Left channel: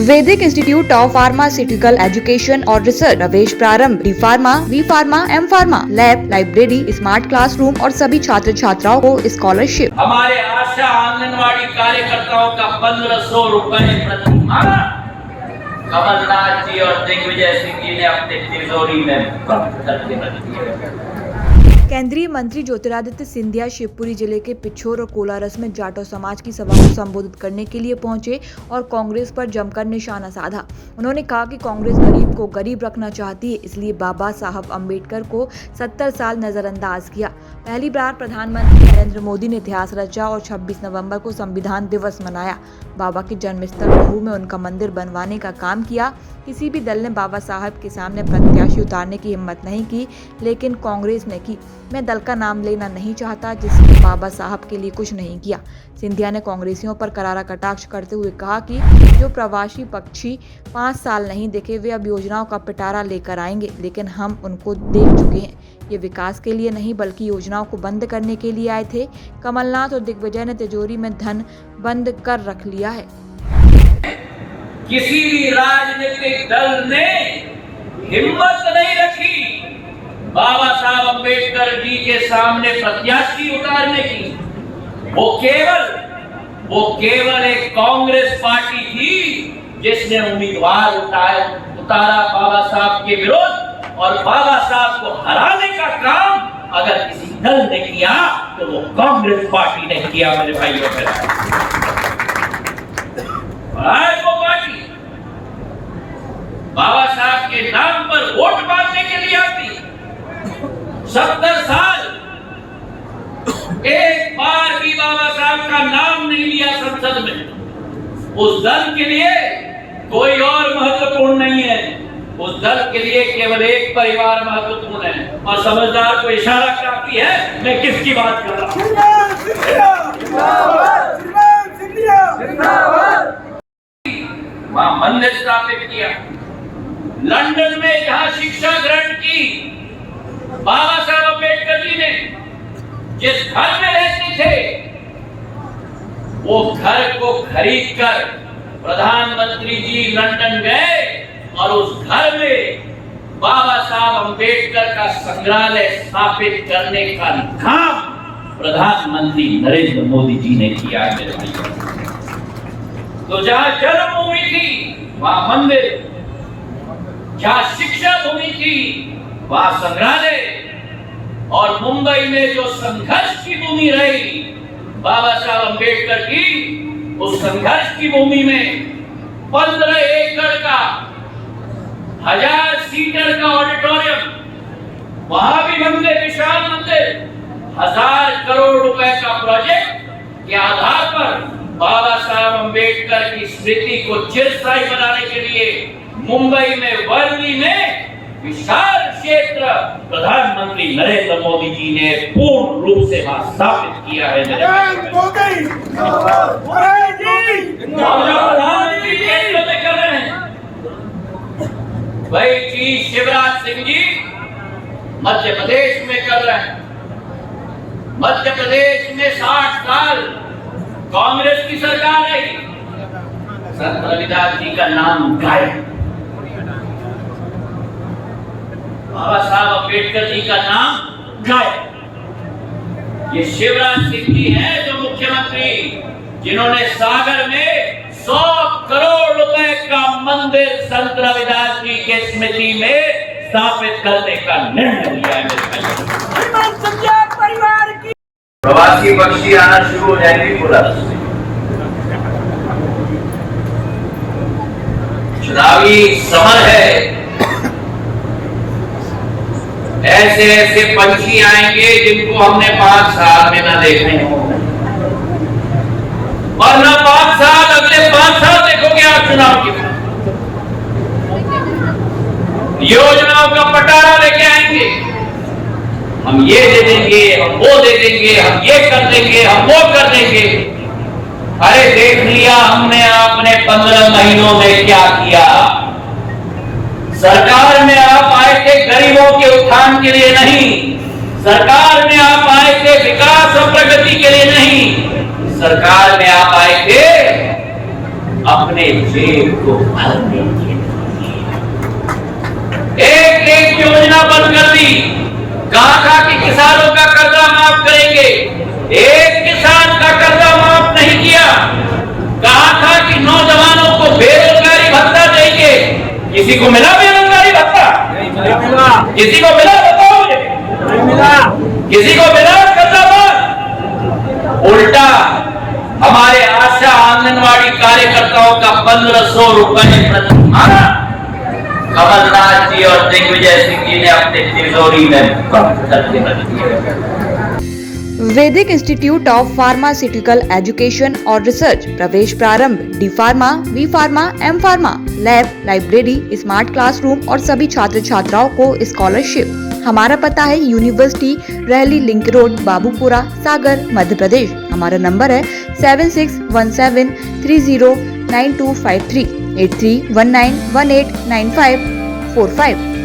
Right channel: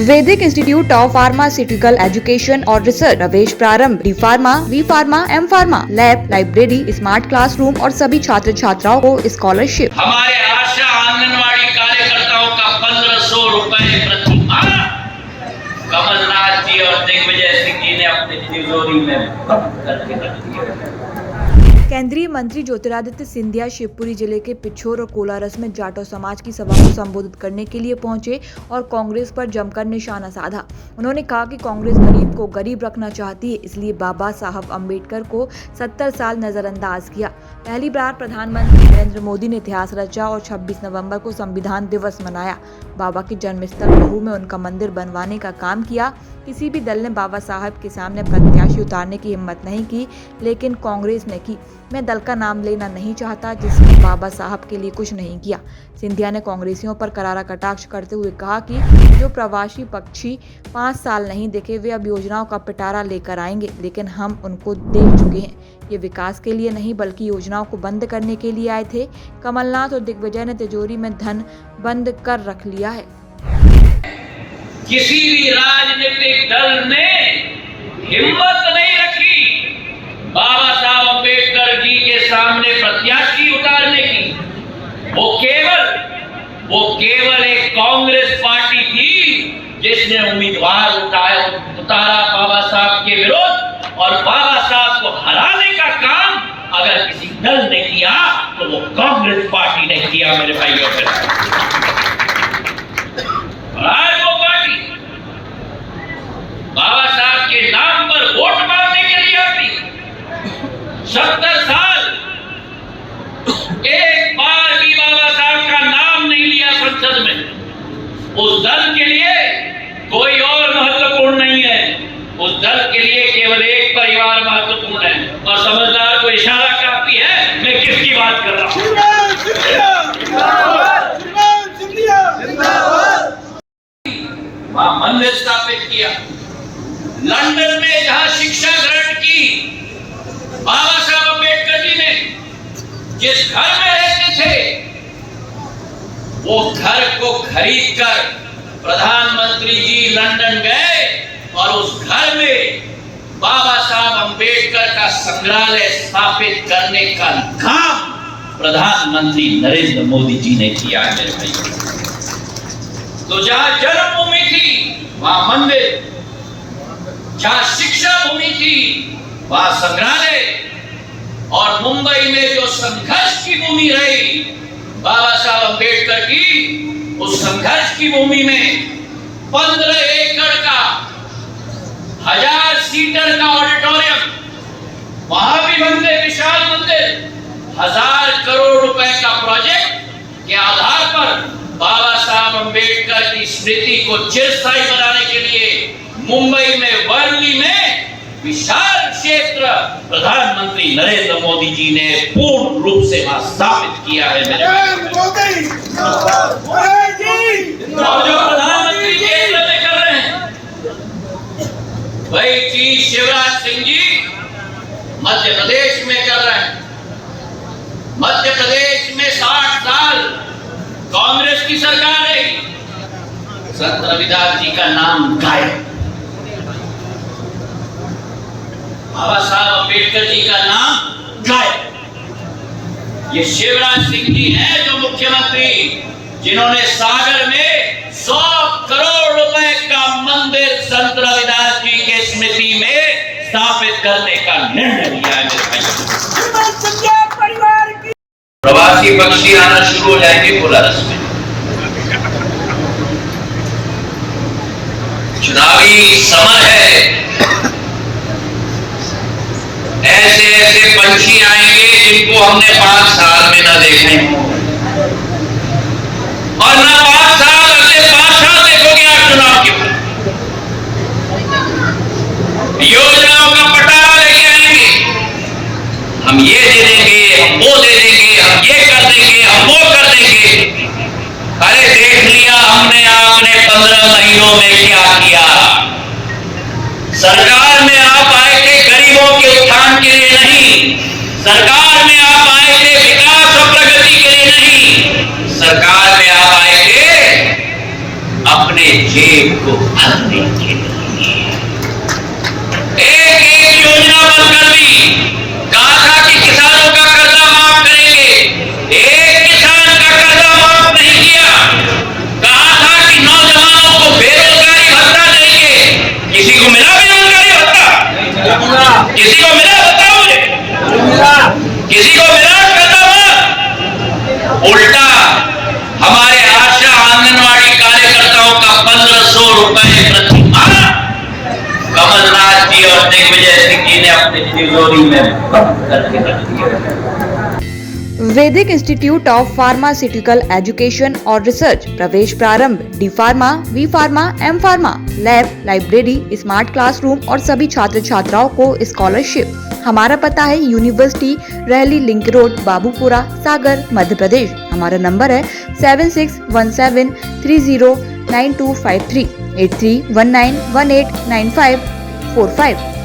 वैदिक institute of pharmaceutical education और research, प्रवेश प्रारंभ, D pharma, B pharma, M pharma, lab, library, smart classroom और सभी छात्र छात्राओं को स्कॉलरशिप। हमारे आशा आंगनवाड़ी कार्यकर्ताओं का 1500 रुपए प्रति माह कमलनाथ जी और दिग्विजय सिंह जी ने अपनी तिजोरी में बंद करके रख दिया। केंद्रीय मंत्री ज्योतिरादित्य सिंधिया शिवपुरी जिले के पिछोर और कोलारस में जाटो समाज की सभा को संबोधित करने के लिए पहुंचे और कांग्रेस पर जमकर निशाना साधा। उन्होंने कहा कि कांग्रेस गरीब को गरीब रखना चाहती है, इसलिए बाबा साहब अम्बेडकर को 70 साल नजरअंदाज किया। पहली बार प्रधानमंत्री नरेंद्र मोदी ने इतिहास रचा और 26 नवंबर को संविधान दिवस मनाया। बाबा के जन्मस्थल महू में उनका मंदिर बनवाने का काम किया। किसी भी दल ने बाबा साहब के सामने प्रत्याशी उतारने की हिम्मत नहीं की, लेकिन कांग्रेस ने की। मैं दल का नाम लेना नहीं चाहता जिसने बाबा साहब के लिए कुछ नहीं किया। सिंधिया ने कांग्रेसियों पर करारा कटाक्ष करते हुए कहा कि जो प्रवासी पक्षी 5 साल नहीं दिखे वे अब योजनाओं का पिटारा लेकर आएंगे, लेकिन हम उनको देख चुके हैं। ये विकास के लिए नहीं बल्कि योजनाओं को बंद करने के लिए आए थे। कमलनाथ और दिग्विजय ने तिजोरी में धन बंद कर रख लिया है। किसी भी राजनीतिक दल ने हिम्मत नहीं रखी बाबा साहब अम्बेडकर जी के सामने प्रत्याशी उतारने की। वो केवल एक कांग्रेस पार्टी थी जिसने उम्मीदवार उतारा बाबा साहब के विरोध, और बाबा साहब को हराने का काम अगर किसी दल ने किया तो वो कांग्रेस पार्टी ने किया। मेरे भाइयों आज वो पार्टी बाबा साहब के नाम पर वोट मांगने के लिए आती। 70 साल एक बार भी बाबा साहब का नाम नहीं लिया संसद में। उस दल के लिए कोई और महत्वपूर्ण नहीं है। उस दल के लिए केवल एक परिवार महत्वपूर्ण है, और समझदार को इशारा काफी है मैं किसकी बात कर रहा हूं। वहां मंदिर स्थापित किया। लंदन में जहां शिक्षा ग्रहण की बाबा साहब अम्बेडकर जी ने, जिस घर में रहते थे वो घर को खरीदकर प्रधानमंत्री जी लंदन गए और उस घर में बाबा साहब अम्बेडकर का संग्रहालय स्थापित करने का काम प्रधानमंत्री नरेंद्र मोदी जी ने किया है। मेरे भाई, तो जहां जन्मभूमि थी वहां मंदिर, जहां शिक्षा भूमि थी वहां संग्रहालय, और मुंबई में जो संघर्ष की भूमि रही बाबा साहब अम्बेडकर की, उस संघर्ष की भूमि में 15 एकड़ का 1000 सीटर का ऑडिटोरियम, वहां भी मंदिर, विशाल मंदिर, 1000 करोड़ रुपए का प्रोजेक्ट के आधार पर बाबा साहब अम्बेडकर की स्मृति को चिरस्थायी बनाने के लिए मुंबई में वर्ली में विशाल क्षेत्र प्रधानमंत्री नरेंद्र मोदी जी ने पूर्ण रूप से वहां स्थापित किया है। मेरे और जो प्रधानमंत्री केंद्र में कर रहे हैं वही चीज शिवराज सिंह जी मध्य प्रदेश में कर रहे हैं। मध्य प्रदेश में 60 साल कांग्रेस की सरकार है, संत रविदास जी का नाम गायब, बाबा साहब अम्बेडकर जी का नाम गायब। ये शिवराज सिंह जी हैं जो मुख्यमंत्री, जिन्होंने सागर में 100 करोड़ रुपए का मंदिर संत रविदास जी के स्मृति में स्थापित करने का निर्णय लिया है। प्रवासी पक्षी आना शुरू हो जाएंगे कोलारस में। चुनावी समर है, ऐसे ऐसे पंछी आएंगे जिनको हमने 5 साल में ना देखे हो, और ना 5 साल अगले 5 साल देखोगे आप चुनाव के बाद। योजनाओं का पटारा लेके आएंगे, हम ये दे देंगे, हम वो दे देंगे, हम ये कर देंगे, हम वो कर देंगे। अरे देख लिया हमने आपने 15 महीनों में क्या किया। सरकार में आप आए थे गरीबों के उत्थान के लिए नहीं, सरकार में आप आए थे विकास और प्रगति के लिए नहीं, सरकार में आप आए थे अपने जेब को भरने के लिए एक एक योजना बंद कर दी। कहा था कि किसानों का कर्जा माफ करेंगे, एक किसान का कर्जा माफ नहीं किया। कहा था कि नौजवानों को बेरोजगारी भत्ता देंगे, किसी को मिला बेरोजगारी भत्ता? किसी को मिला? बताओ मुझे, किसी को मिला कर्जा माफ? उल्टा हमारे आशा आंगनवाड़ी कार्यकर्ताओं का 1500 रुपए प्रति माह कमलनाथ जी और दिग्विजय सिंह जी ने अपने तिजोरी में बंद करके रख दिया। Vedic institute of pharmaceutical education और रिसर्च प्रवेश प्रारंभ। D pharma, B pharma, M pharma, lab, library, smart classroom और सभी छात्र छात्राओं को स्कॉलरशिप। हमारा पता है यूनिवर्सिटी रहली लिंक रोड, बाबूपुरा, सागर, मध्य प्रदेश। हमारा नंबर है 7617309253 8319189545।